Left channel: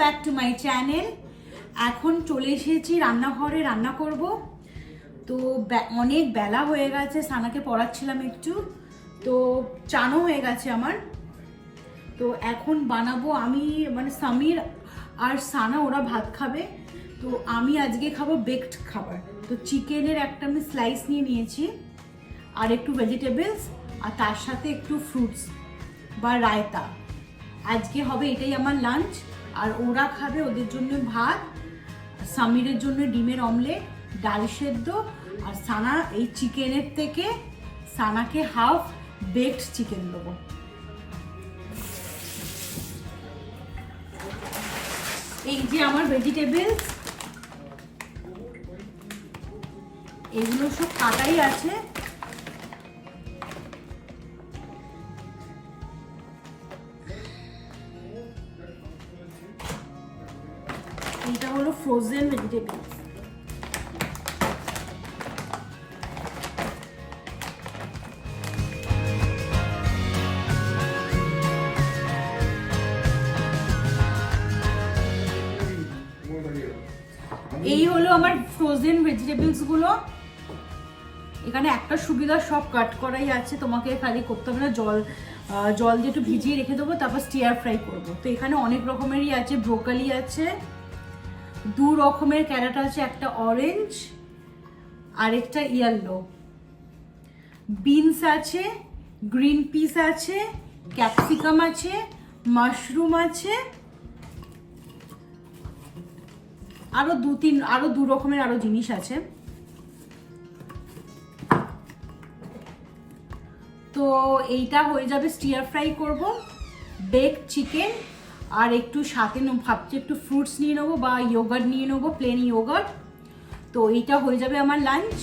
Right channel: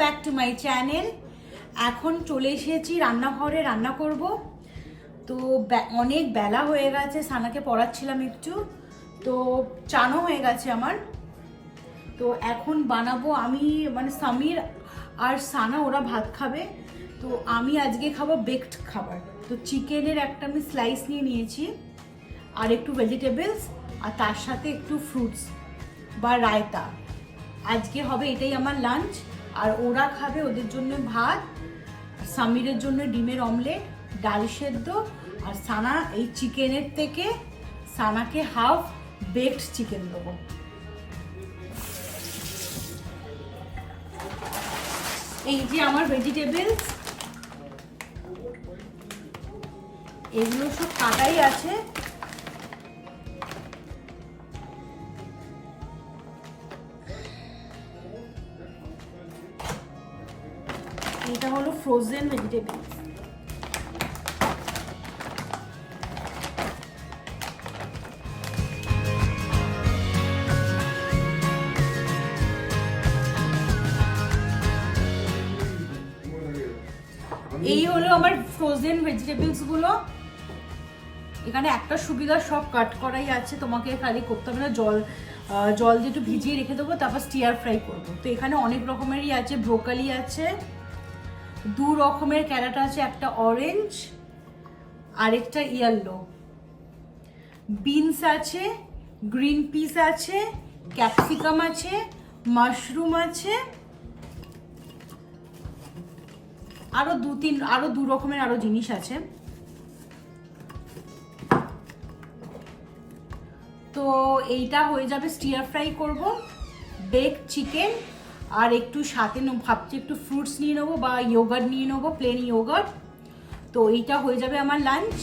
Back to my channel. এখন চলে এসেছি রান্নাঘরে, রান্না করব। তো অনেক বেলা হয়ে গেছে, সানাকে পড়াচ্ছিলাম একটু, তো চানও হয়ে গেছে আমার। তো এখন বানাবো আমি, মানে সামির আর সানা ওরা ভাত খাবে, তো আমি আজকে খাবো বেকড খাবার। তো চিকেনের একটা আমি স্লাইস নিয়ে নিয়েছি আর একটু ভেজিটেবলস, আর তার সাথে একটু ফ্রুটস বা রায়তা। আজকে হবে এটাই আমার লাঞ্চ। আর ওরা খাবে, ওদের জন্য ভাত, সামিরের জন্য ডিমের অমলেট, ডাল সেদ্ধ, আর সানা এই চিকেনের থেকে সানাকে হাফ বেকড চিকেন দেবো। এই যে আমার ভেজিটেবলস, এগুলো সব কাটাই আছে। এটা হলো ফ্রোজেন ভেজিটেবলস। এই হলো আমার ফ্রোজেন ভেজিটেবলস গুলো। এখানে একটা সুবিধা, সব কাট করাই আছে, তোমাকে খালি করতে হবে না, জল দিয়ে একটু ভিজিয়ে রেখে দেবো, তারপর স্টিয়ার ফ্রাই করবো। তো এখানে অনেক রকমেরই আছে, ব্রোকলি আছে, 2 রকমের ক্যারট আছে, একটা অরেঞ্জ আর একটা ইয়েলো, বিনস আছে, গ্রিন পিস আছে, ক্যাপসিকাম আছে, মাশরুম আছে, আরো 2 রকমের আরো জিনিস আছে। তো এইটা হয়ে যাবে, স্টিয়ার ফ্রাই করব, বেক চিকেন, আর একটু সাথে ভাবছি একটু ফ্রুটস নিয়ে নেবো বা ইয়োগার্ট নিয়ে নেবো, প্লেন ইয়োগার্ট। তো এইটা হয়ে যাবে আমার লাঞ্চ।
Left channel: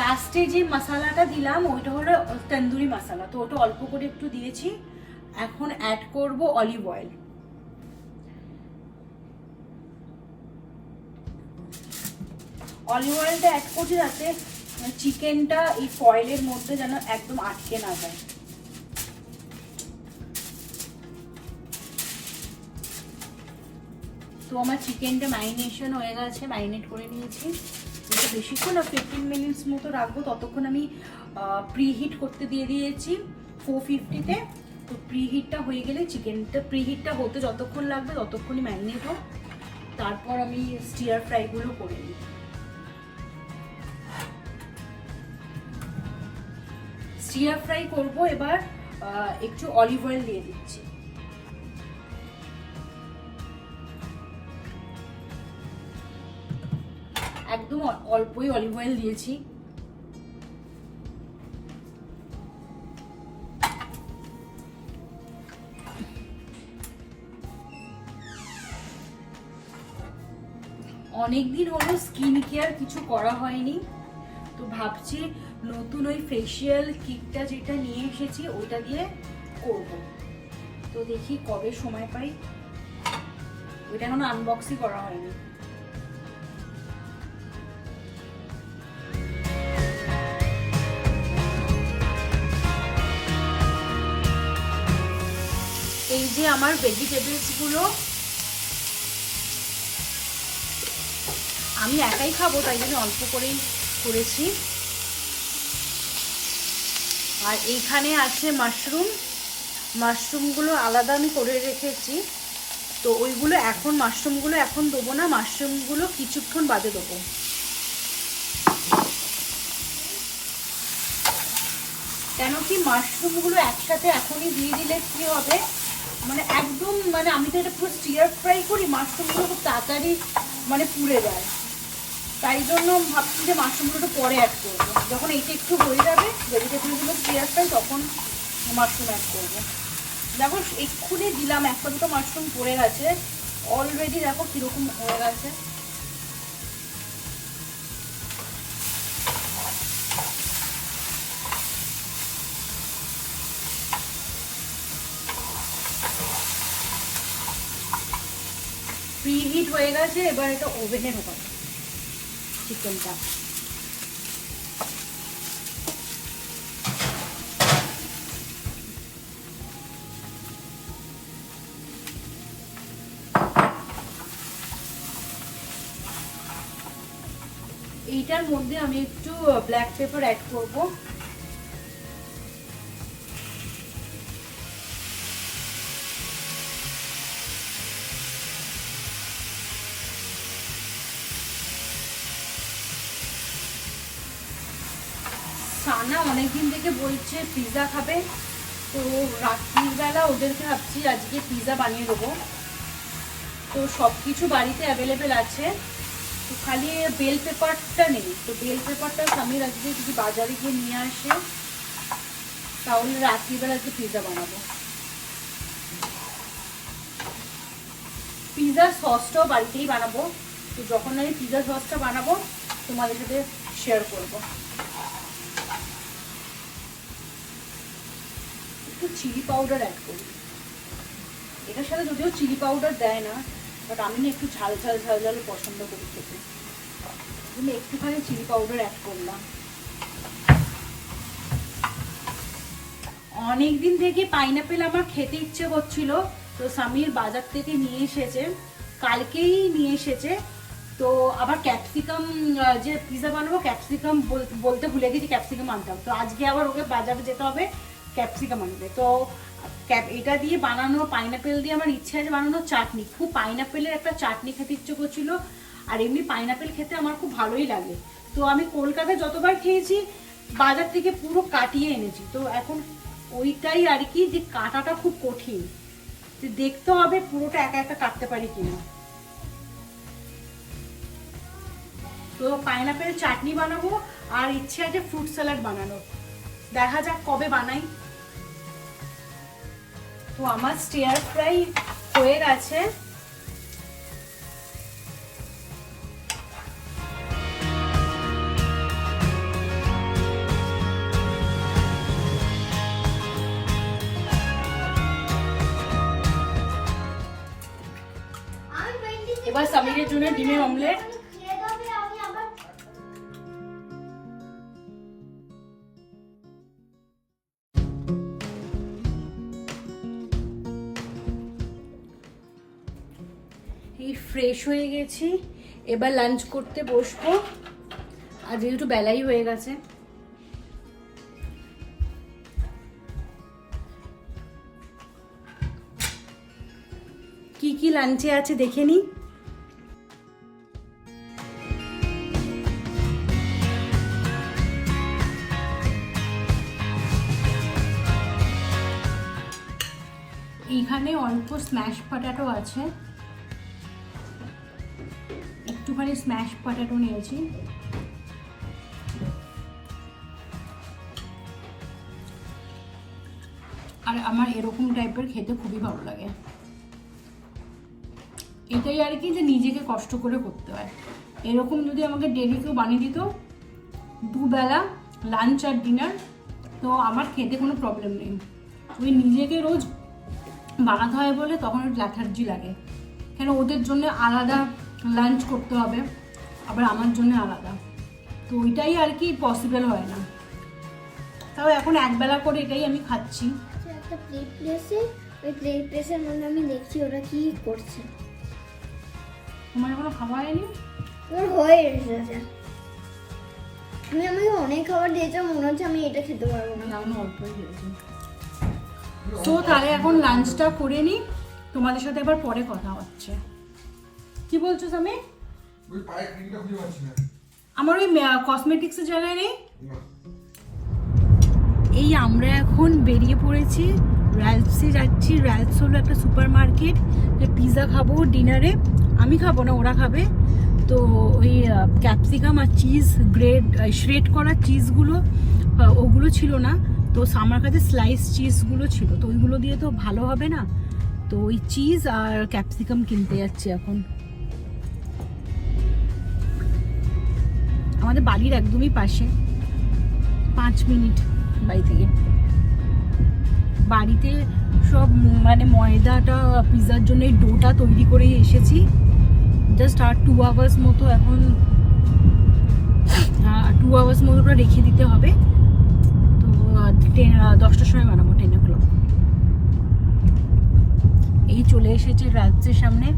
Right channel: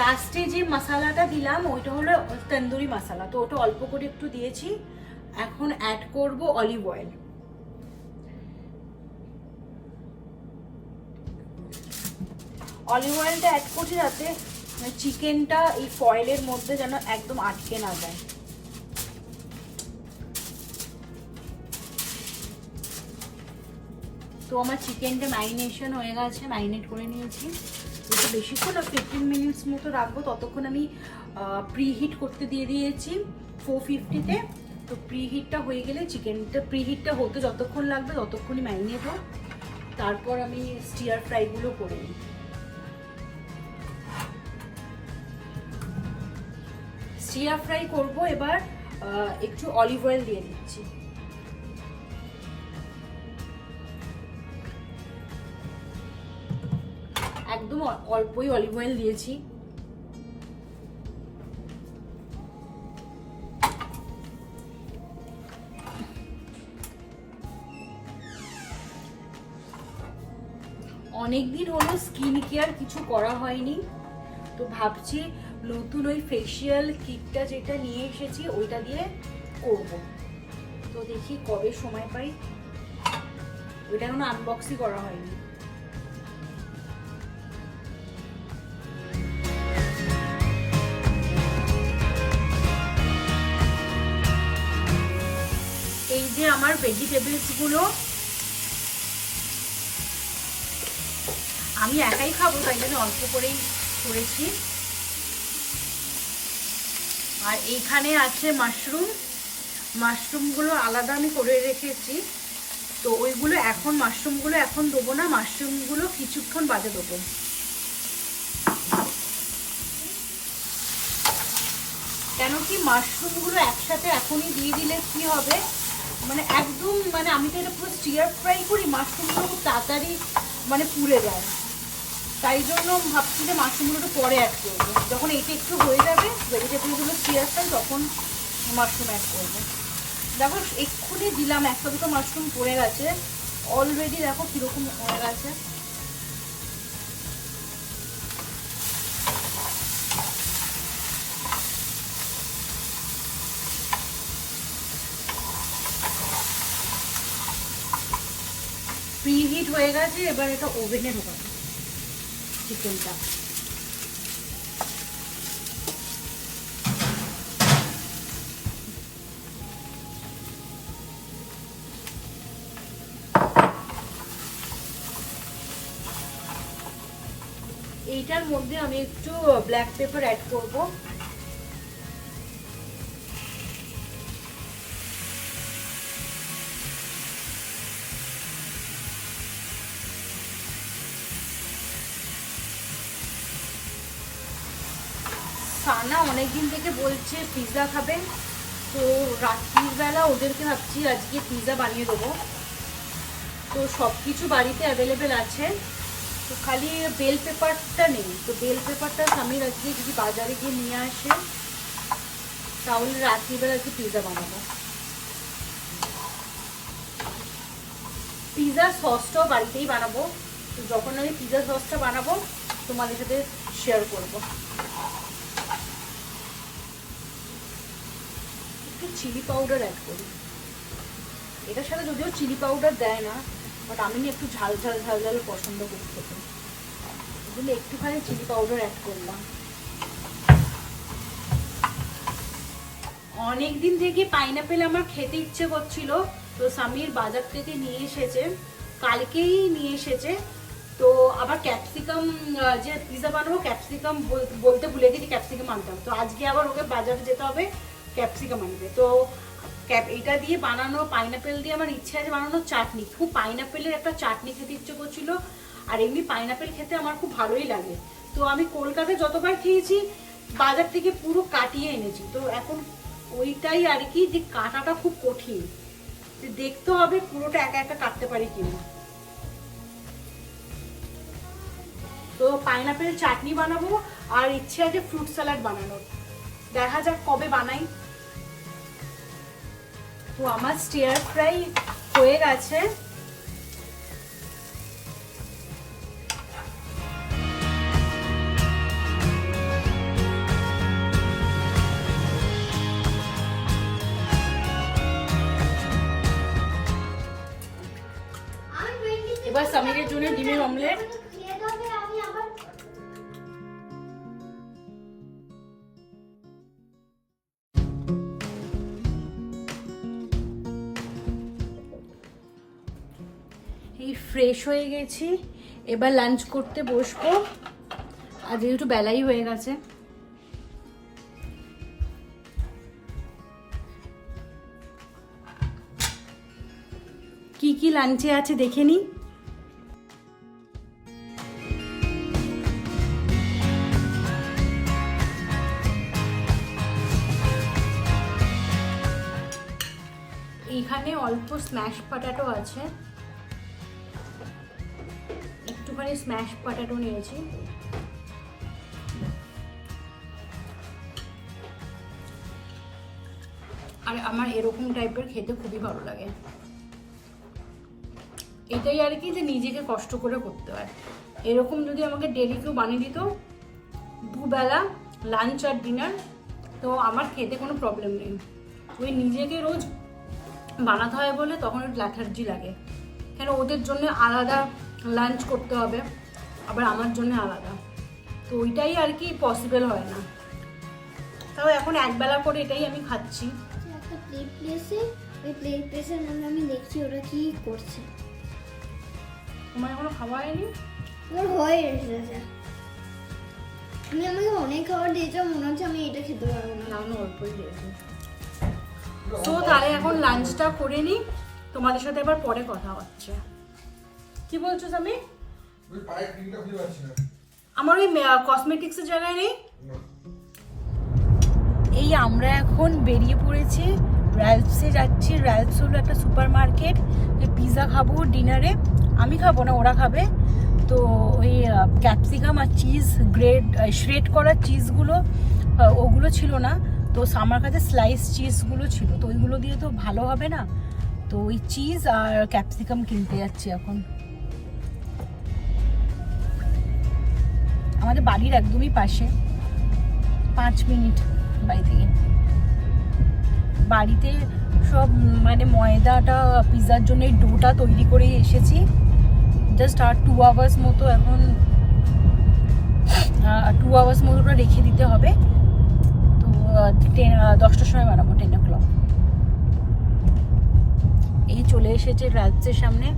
লাস্টে যে মশলাটা দিলাম ওইটা হলো তন্দুরি মশলা, তো ওটা অল্প করে একটু দিয়েছি। এখন অ্যাড করব অলিভ অয়েল। অলিভ অয়েলটা অ্যাড করছি যাতে চিকেনটা এই ফয়েলের মধ্যে যেন একদম আটকে না যায়। তো আমার চিকেনটা ম্যারিনেশন হয়ে গেছে, ম্যারিনেট করে নিয়েছি। এটা বেশিক্ষণ 15 মিনিটস মতো রাখবো, ততক্ষণ আমি প্রিহিট করতে দিয়ে দিয়েছি 450-তে। তো প্রিহিটটা হয়ে গেলে চিকেনটা, প্রিহিটটা হতে যতক্ষণ লাগবে ততক্ষণই ম্যারিনেট হোক, তারপর আমি স্টিয়ার ফ্রাইগুলো করে নিই। স্টিয়ার ফ্রাই করবো এবার, একটু অলিভ অয়েল দিয়ে দিচ্ছি। একদম অল্পই অলিভ অয়েল দিয়েছি। অনেকদিন হলো স্কিন কেয়ার কিছু করা হয়নি, তো ভাবছি নতুন ওই ফেসিয়াল কিটটা যেটা নিয়ে এসেছি ওইটা দিয়ে করব। তো দেখি কবে সময় পাই, ওইটা এখনো আনবক্সই করা হয়নি। এই যে আমার ভেজিটেবলস গুলো, আমি একাই খাবো তাই জন্য অল্প করেই করেছি। আর এখানে আছে মাশরুমগুলো আলাদা আমি করে রেখেছি। তো ওইগুলো এখন মাশরুমগুলো এখন দেবো না, মাশরুমগুলো কিছুক্ষণ বাদে দেবো। কেন কি মাশরুমগুলো একসাথে এখনই দিয়ে দিলে কি হবে, মানে একদম মানে আমি তো এটা পুরো স্টিয়ার ফ্রাই করি, মাশরুমগুলো খুব তাড়াতাড়ি মানে পুড়ে যায়। তাই জন্য ভাবছি যে মাশরুমগুলো পরে অ্যাড করবো, যখন এটা একটু হয়ে যাবে ভেজিটেবলগুলো স্টিয়ার ফ্রাই তখন মাশরুম অ্যাড করবো। দেখো এক্ষুনি দিলাম, একটা দুটো মাশরুম পড়ে গেছে অলরেডি, দেখো কিরকম হয়ে গেছে। প্রিহিট হয়ে গেছে, এবার এটা ওভেনে ঢোকাবো চিকেনটা। এইটার মধ্যে আমি একটু ব্ল্যাক পেপার অ্যাড করব। সানা অনেকদিন থেকে বলছে পিৎজা খাবে, তো রাত্রির বেলা ওদেরকে ভাবছি আজকে পিৎজা বানিয়ে দেবো। তো সব কিছু বাড়িতে অ্যাভেলেবেল আছে, তো খালি বেল পেপারটা নেই। তো বেল পেপারটা স্বামীর আজকে যদি বাজারে গিয়ে নিয়ে আসে তাহলে রাত্রিবেলা আজকে পিৎজা বানাবো। পিৎজা সসটাও বাড়িতেই বানাবো, তো যখন আমি পিৎজা সসটা বানাবো তোমাদের সাথে শেয়ার করবো। একটু চিলি পাউডার অ্যাড করি, এটার সাথে যদিও চিলি পাউডার দেয় না, বাট আমি না একটু ঝাল ঝাল ঝাল ঝাল পছন্দ করি খেতে, তাহলে একটুখানি চিলি পাউডার অ্যাড করলাম। অনেকদিন থেকে পাইনাপেল আমার খেতে ইচ্ছে করছিল, তো স্বামীর বাজার থেকে নিয়ে এসেছে, কালকেই নিয়ে এসেছে। তো আবার ক্যাপসিকাম, যে পিৎজা বানাবো ক্যাপসিকাম বলতে ভুলে গেছি, ক্যাপসিকাম আনতে হবে। তো আজকে আবার ওকে বাজারে যেতে হবে ক্যাপসিকাম আনবে। তো এটা দিয়ে বানানো পাইনাপেল দিয়ে আমার ইচ্ছে আছে বানানো চাটনি, খুব পাইনাপেলের একটা চাটনি খেতে ইচ্ছে করছিল। আর এমনি পাইনাপেল খেতে আমার খুব ভালোই লাগে। তো আমি কলকাতায় যতবার খেয়েছি বাজার থেকে পুরো কাটিয়ে এনেছি, তো এখন ওইটাই আর কি, যে কাটাটা খুব কঠিন, দেখতে হবে পুরোটা একা একা কাটতে পারি কিনা। তো পাইনাপেল চাটনি বানাবো, আর ইচ্ছে আছে ফ্রুট স্যালাড বানানোর, দেখা যাক কবে বানাই। তো আমার স্টিয়ার ফ্রাই হয়ে গেছে। এবার সামিরের জন্য ডিমের অমলেট। ফ্রেশ হয়ে গেছি, এবার লাঞ্চ করতে বসবো, আর যেহেতু বেলাই হয়ে গেছে। কি কি লাঞ্চে আছে দেখে নি। এইখানে অল্প স্ম্যাশ পটেটো আছে, একটুখানি স্ম্যাশ পটেটো নিয়েছি। আর আমার এরকম টাইপের খেতে খুবই ভালো লাগে। এটাই আর কি, যে নিজেকে কষ্ট করে করতে হয়। এরকম যদি আমাকে ডেলি কেউ বানিয়ে দিত দুবেলা লাঞ্চ আর ডিনার, তো আমার খেতে কোনো প্রবলেম নেই। ওই নিজেকে রোজ বানাতে হয় বলে তখন একটু ল্যাথার্জি লাগে, কেন ওদের জন্য আলাদা লাঞ্চ করতে হবে, আবার আমার জন্য আলাদা, তো ওইটাই আর কি পসিবল হয় না। তাও এখন একবেলা করে এটাই আমি খাচ্ছি। একটা প্লেসের মধ্যে আমি দেখছি ওরা কি করছে। তোমার এখনো খাওয়া হয়নি? ওর হয়ে এসেছে। তুমি আমাকে অনেক খাবার দিয়েছো, মনে হচ্ছে আমি এটা খেতে পারবো না। আমি অল্পই দিয়েছি। তো তাহলে এখন লাঞ্চটা করে নিই, তোমাদের সাথে আবার পরে কথা হচ্ছে। কি বলছো সামি? ওই পায়ের ক্রিমটা খুঁজে পাচ্ছি না। আমার ওই কসমেটিক্সের জায়গায় নেই। এই আমরা এখন বেরিয়ে পড়েছি, র্যালফসে যাচ্ছি। র্যালফস হলো একটা সুপার মার্কেট, পিৎজা খাবো ডিনারে। আমি খাবো না, ওরা খাবে। তো ওই ক্যাপসিকাম আর চিজ শ্রেড করা চিজগুলো ওগুলো ছিল না, তো আমার কাছে স্লাইস চিজগুলো ছিল, তো ওইগুলো দিয়ে তো ভালো হবে না, তো ওই চিজ আর ক্যাপসিকাম কিনতে যাচ্ছি এখন। আমাদের বাড়ির একদমই পাশে, 5 মিনিট বাড়ি থেকে। বাড়িতে সব মানে ময়দাটা পিৎজার জন্য এই ডোটা তৈরি করেই এসেছি। জাস্ট আর 2 আওয়ার্স মতো, এখন 2 আওয়ার্স মতো ওটা রেখে দিতে হবে। তো 10টার সময় বানাবো, 10 o'clock। এই চলে এসেছে রাজ্যের সামনে।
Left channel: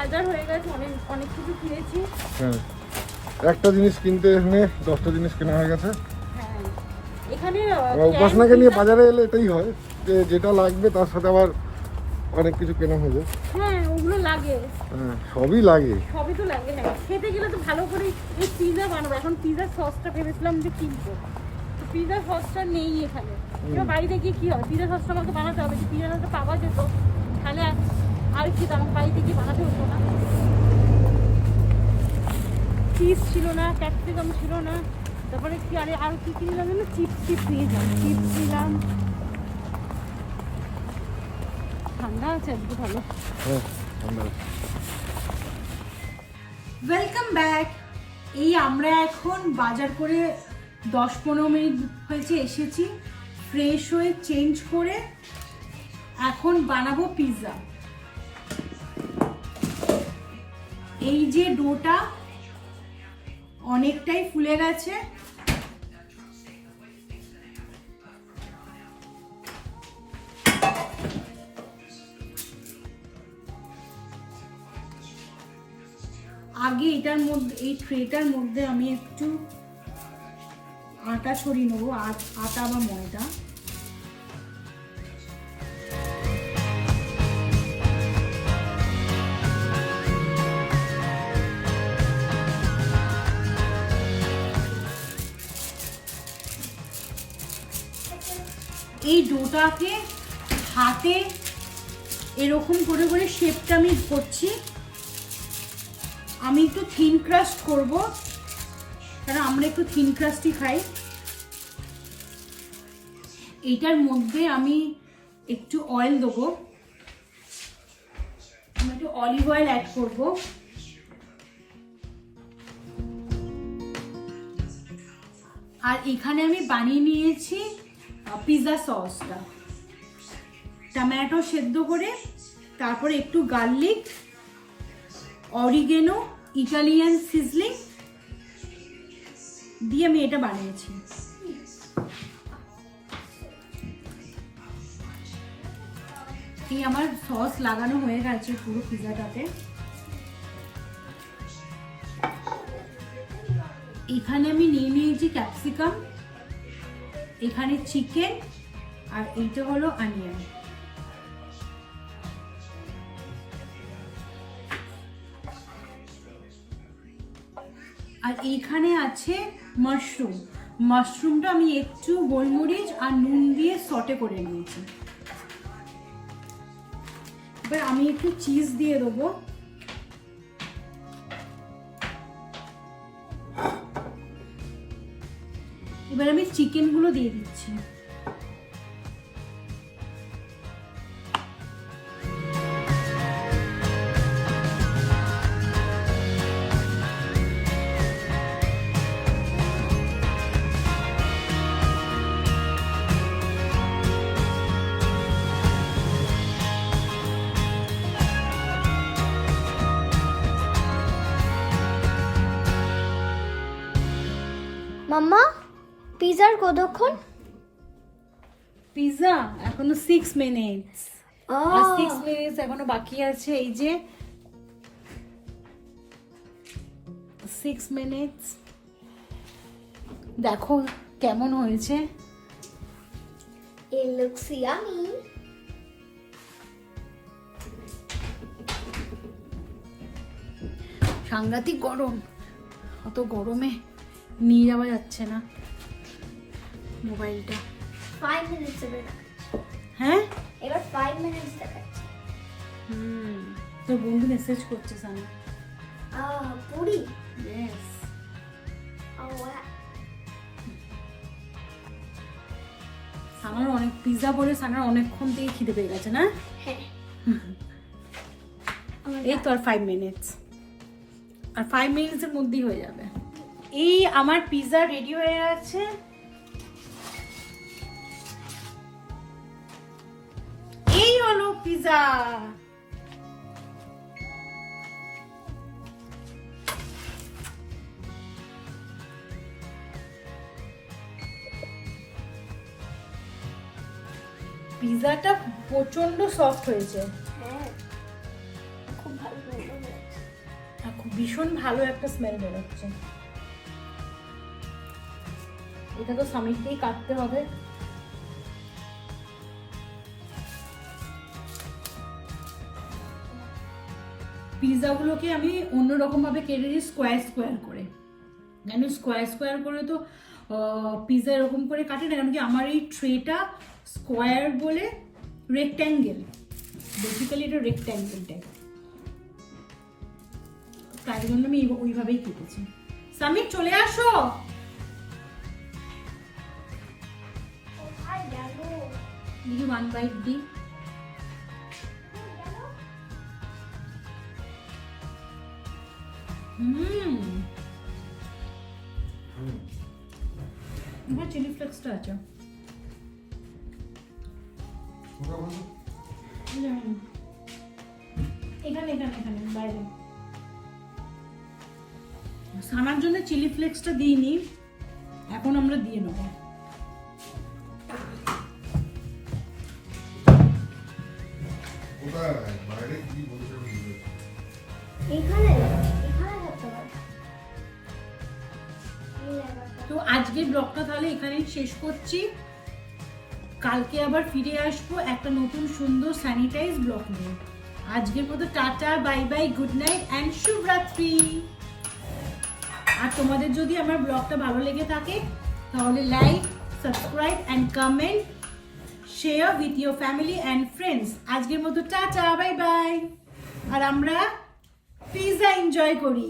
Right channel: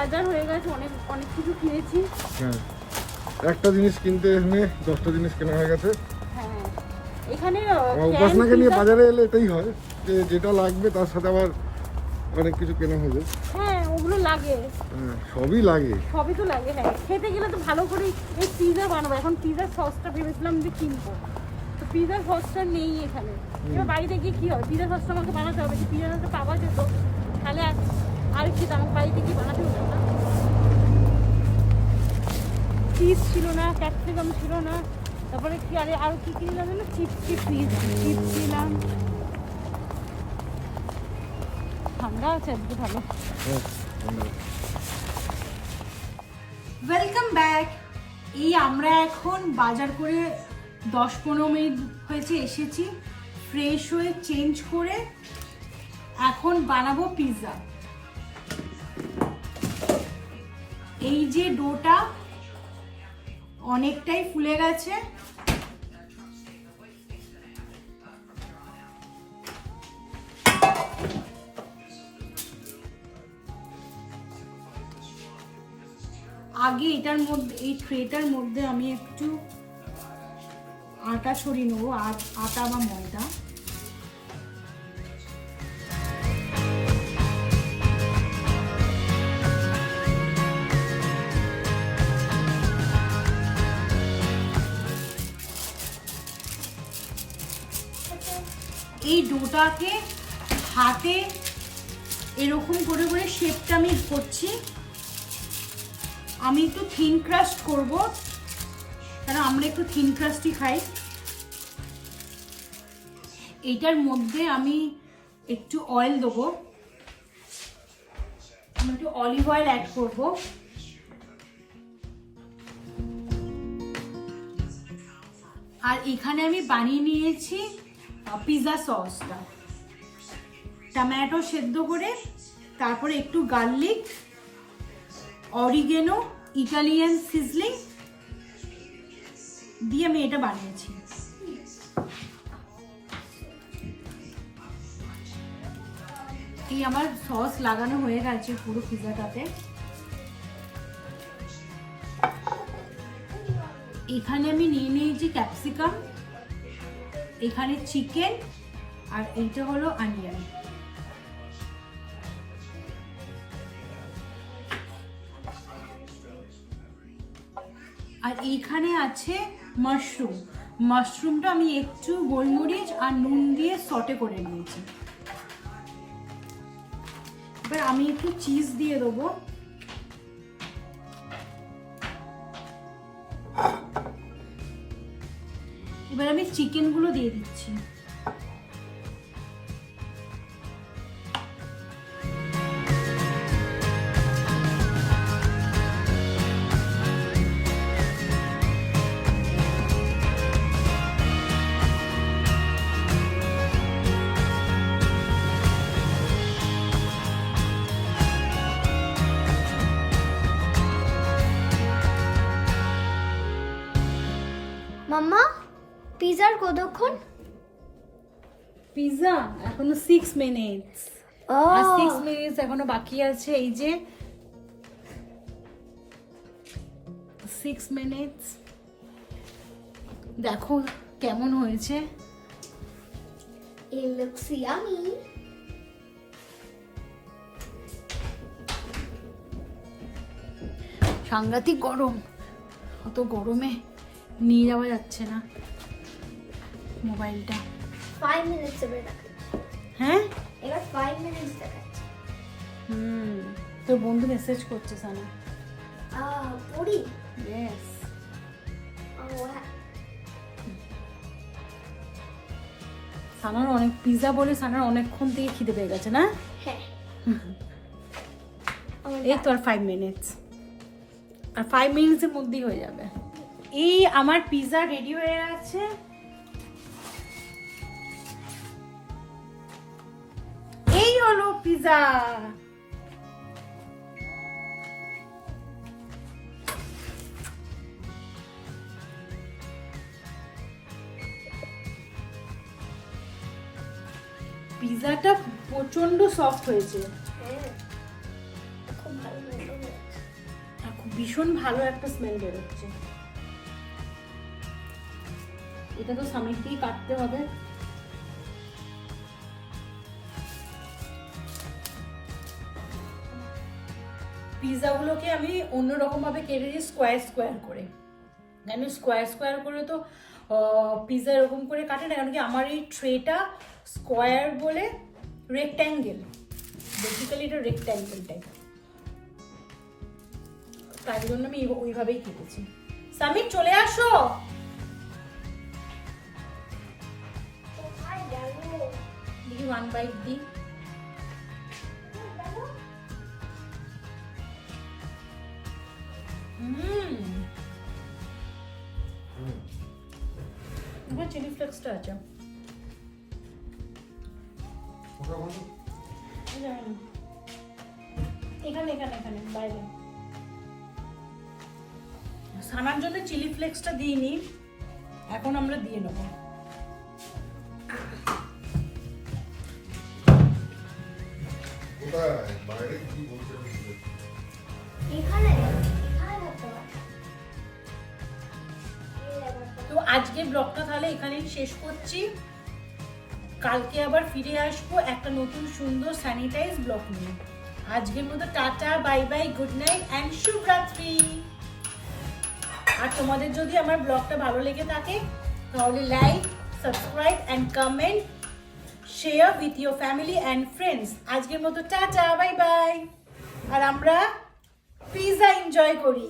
বাজার হয়ে গেছে, অনেক অনেক কিছু কিনেছি। হ্যাঁ, একটা জিনিস কিনতে এখানে 10টা জিনিস কেনা হয়ে গেছে। হ্যাঁ, এখানে উপাসনাকে নিয়ে বাজারে এলে এটাই হয় যে যেটা লাগবে তার সাথে আবার অনেক কিছু কেনা হয়ে যায়। হ্যাঁ, ওগুলো লাগে। হ্যাঁ, সবই লাগে। সবই তো লাগে না, খেতে গেলে তো ভালো করে এই পিৎজা বানাবো। এখন পিৎজার সসটা ভেবেছিলাম যে কিনবো, তো পিৎজার সসটা নেই এখানে। এবার বাড়িতে গিয়ে কি হবে, পিৎজা সসটা আমাকে বানাতে হবে। যে পিৎজা সসটা পাওয়া যেত তাহলে আর কি, আমাকে বাড়িতে গিয়ে বানাতে হতো না। চিজ ছিল না, ক্যাপসিকাম ছিল না, তারপরে কি আর কি কি নিলাম, চিপস নিয়েছিলাম, চিপস নিলাম। ঠান্ডা আছে আজকে ভালো। হ্যাঁ, ঠান্ডা। Welcome back. এই আমরা এখন বাজার করে 10-15 মিনিট হয়েছে এসেছি, ফ্রেশ হয়ে চেঞ্জ করে এখন বানাবো পিৎজা। এই যে ডোটা অনেকটাই ফুলে গেছে, আগে এটার মধ্যে, এই ট্রেটার মধ্যে আমি একটু আটা ছড়িয়ে নেবো, আটা বা ময়দা। এই ডোটাকে হাতে এরকম করে করে শেপটা আমি করছি। আমি একটু থিন ক্রাস্ট করব, কারণ আমরা একটু থিন ক্রাস্টই খাই। এটার মধ্যে আমি একটু অয়েল দেবো, আমি একটু অলিভ অয়েল অ্যাড করব। আর এখানে আমি বানিয়ে নিয়েছি পিৎজা সসটা, টমেটো সেদ্ধ করে, তারপরে একটু গার্লিক, অরিগেনো, ইটালিয়ান সিজলিং দিয়ে আমি এটা বানিয়েছি। এই আমার সস লাগানো হয়ে গেছে পুরো পিৎজাটাতে। এখানে আমি নিয়ে নিয়েছি ক্যাপসিকাম, এখানে চিকেন, আর এইটা হলো অনিয়ন। আর এইখানে আছে মাশরুম। মাশরুমটা আমি একটু গোলমরিচ আর নুন দিয়ে সটে করে নিয়েছি। এবার আমি একটু চিজ দিয়ে দেবো। এবার আমি চিকেনগুলো দিয়ে দিচ্ছি। মাম্মা পিজার কতক্ষণ? পিৎজা এখনো 6 মিনিটস। আর 6 মিনিটস এখনো বাকি আছে। এই যে 6 মিনিটস, দেখো কেমন হয়েছে। It looks yummy. সাংঘাতিক গরম, অত গরমে নিয়ে যাওয়া যাচ্ছে না মোবাইলটা। 5 minutes এবার হ্যাঁ, এবার 5 minutes দেখাচ্ছে। তোর বন্ধু মেসেজ করছে সানা। পুরি। ইয়েস। সানার অনেক পিৎজা বলে সানার অনেকক্ষণ থেকে খিদে পেয়ে গেছে না? হ্যাঁ। এই তো আর 5 মিনিটস, আর 5 মিনিটসের মধ্যেই হয়ে যাবে। এই আমার পিৎজা রেডি হয়ে গেছে। এই হলো পিৎজা। পিৎজাটা প্রচন্ড সফট হয়েছে, হ্যাঁ, খুব ভালো হয়েছে। আর খুব ভীষণ ভালো একটা স্মেল বেরোচ্ছে। এটা তো সামনে দিয়ে কাটতে হবে। পিৎজাগুলোকে আমি অন্যরকম ভাবে কেটে দিই, স্কোয়ার স্কোয়ার করে। আমি স্কোয়ার স্কোয়ার করে তো পিৎজা এরকম করে কাটে না, কারণ কি আমার এই ট্রেটা স্কোয়ার বলে রেক্ট্যাঙ্গেল, বেসিক্যালি এটা রেক্ট্যাঙ্গেল টাইপ, তাই জন্য আমি ওইভাবেই কেটেছি। সামির চলে আসো। দেখি 1 বাইট দিই। আমার চিলি ফ্লেক্সটা আছে। এখানে এখানে এখানে বাইরে। সানার জন্য চিলি ফ্লেক্সটা দিইনি, এখন আমরা দিয়ে নেবো। তো আজকে ব্লগটা তাহলে এখানেই শেষ করছি। কালকে আবার ফিরে আসবো একটা নতুন সুন্দর স্যানিটাইজ ব্লগ নিয়ে। আজকের মতো tata, bye bye, good night and শুভরাত্রি। আর তোমাদের যদি আমার ব্লগটা ভালো লেগে থাকে তাহলে like, subscribe and comment share with your family and friends. আজকের মতো টাটা, বাই বাই। আর আমরা পিৎজা এনজয় করি।